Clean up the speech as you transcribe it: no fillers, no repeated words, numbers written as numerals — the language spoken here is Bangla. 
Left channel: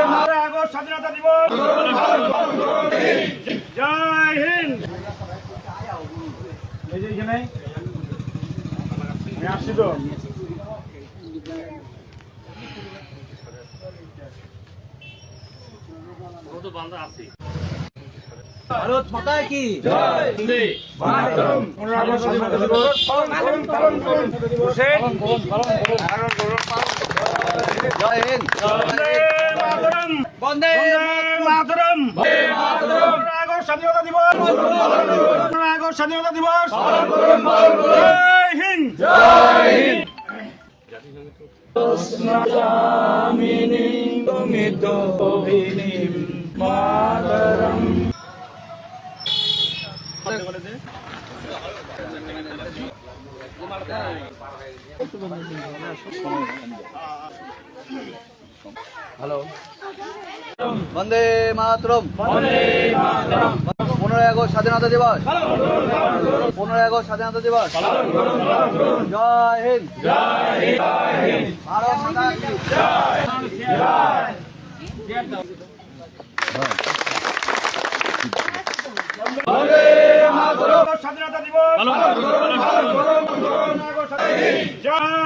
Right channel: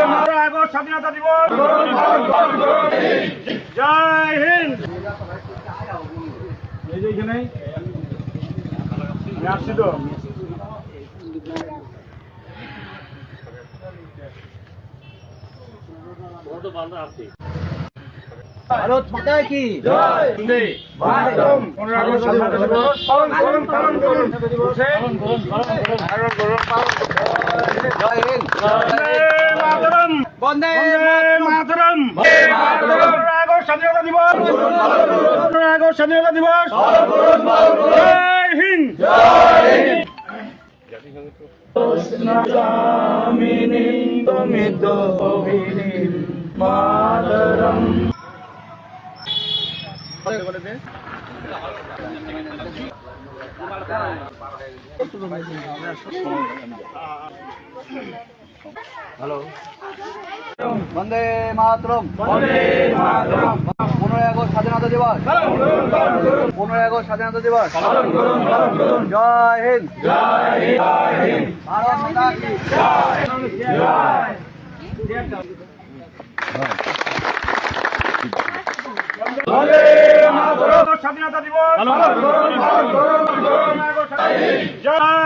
আগস্ট স্বাধীনতা দিবস। জয় হিন্দ। এই যে এখানে আসছি তো। ভারত মাতা কি জয়। 15 আগস্ট স্বাধীনতা দিবস পালন করুন। জয় হিন্দ মাতরম। বন্দে মাতরম। 15 আগস্ট স্বাধীনতা দিবস। 15 আগস্ট স্বাধীনতা দিবস। জয় হিন্দ। জয় হিন্দ। মাতরম। হ্যালো বন্দে মাতরম 15 আগস্ট স্বাধীনতা দিবস 15 আগস্ট স্বাধীনতা দিবস জয় হিন্দ ভারত মাতা কি স্বাধীনতা দিবস। জয়